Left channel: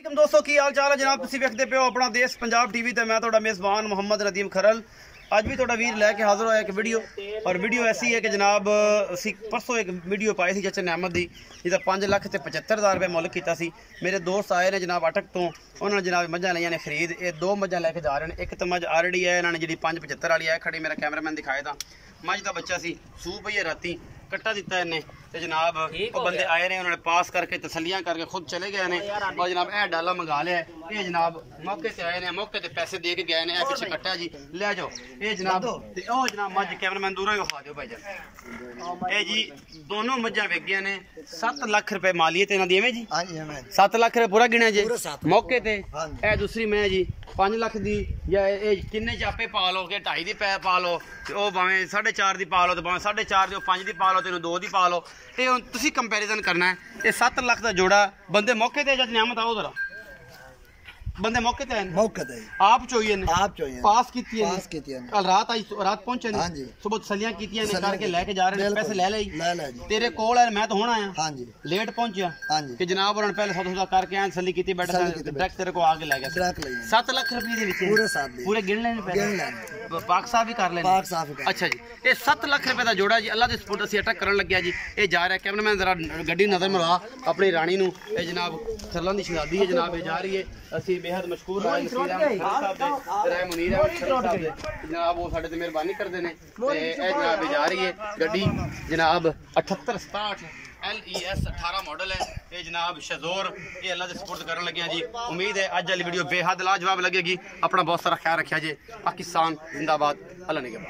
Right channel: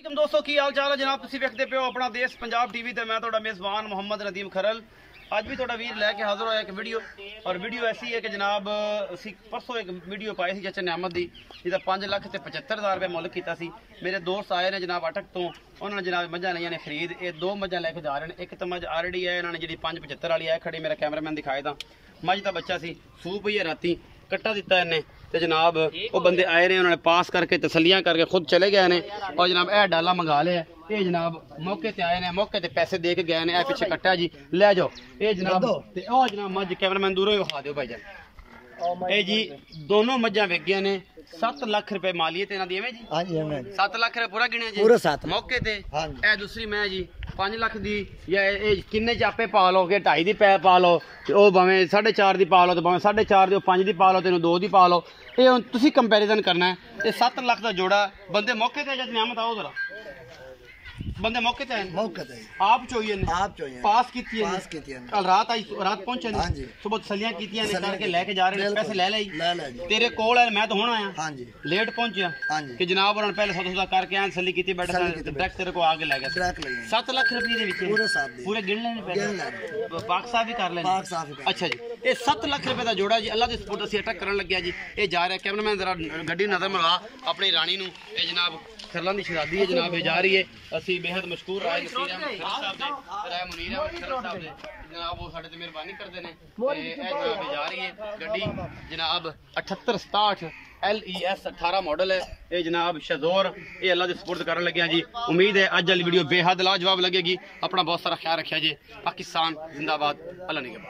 दोस्तों की हाल चाल है जनाब तुसीं वेखदे पे हो अपना देश पंजाब टीवी ते मैं तुहाडा मेज़बान मोहम्मद नदीम खरल अज भी तुहाडा वीर लैके हाज़र होया एक वीडियो और वीडियो ऐसी है कि जनाब असी परसों एक वीडियो पाई सी चाचा नियामत दी जिहदा 5,75,000 रुपये मुल्क कीता सी। मेरे दोस्त आए ने जनाब अटक तो उन्होंने जनाब मझां लईआं ने खरीद ये दो मझां लैके जा रहे हैं। एक तो मझ आलरेडी है इन्होंने जी 5,75 वाली है खड़ी मेरा कैमरामैन दिखाए था मझ का बच्चा सी सू पई है राती कट्टा दिता इन्हें तो जनाब वो बंदे आए ने उन्होंने पास करके तसलियां करके खुद चले गए ने और जनाब यह डाला मंगा लिया ये जनाब मौके से आए ने मौके से पैसे दे के गए ने पीछे कट्टा जी ले जाओ ये जनाब ते ओ जनाब मझ कैमरामैन दूरों ही विखा दो भाई जान ये जी दोनों मझां विक गई ने 7 लाख रुपए मालियत इन्हां दी एवें जी। हां जी एवें 7 लाख रुपए पूरा गिणिया जी मौके ते। ए दूसरी मैं जी 5 लाख दी या किन्ने च आपे पा लो कि 2.5 दी पा लो ओ भावें 4.5 दी पा लो तो भावें 4.5 दी 5 दी पा लो तेन 2 दी पा लो ये हुण तुसीं कंपैरिजन करना है। ये 7 लाख का जोड़ा बंदे मौके ते जद नियामत आओ जरा बंदे मौके ते आप चोइए ने पास कीती है कल रात आई रात पहुंचे ने सुबह तसलियां कीतियां ने करके लेके जा रहे हैं पैसे ले ले तेरे कोल है मैं तो होना आया लेट पहुंचा कि जनाब उन्होंने पहले सौदा करके आए तसली कीती बैठा डायरेक्ट तेरे को आगे ले गया 7 लाख रुपए दे विच पूरे गिन लेने पैसे पाक साहब भी कर लेने। अच्छा जी ये 7 लाख रुपए का जोड़ा जी अल्लाह दे सपोर्ट असीं अटक करन लग्या जी ये जा रहा है कैमरामैन जरा गड्डी नजर मरवा अपनी रानी नूं ये जनाब खरलां दी शहजादी है जनाब ये जा रही है असीं बेहद मशकूर राय नसीर अहमद साहब दे राय मुनीर अहमद साहब दे जनाब वो साडे ते मेहरबानी करदे ने ते ए जनाब जा रही है गड्डी जनाब 7867 LES 18 मॉडल है ये जनाब शजोर ये अल्लाह दे सपोर्ट करन लगे जी। उम्मीद है अज वाली वीडियो बेहद लाजवाब लगेगी। अपना बहुत सारा ख्याल रखिया जी। पाकिस्तान जिंदाबाद अल्लाह ने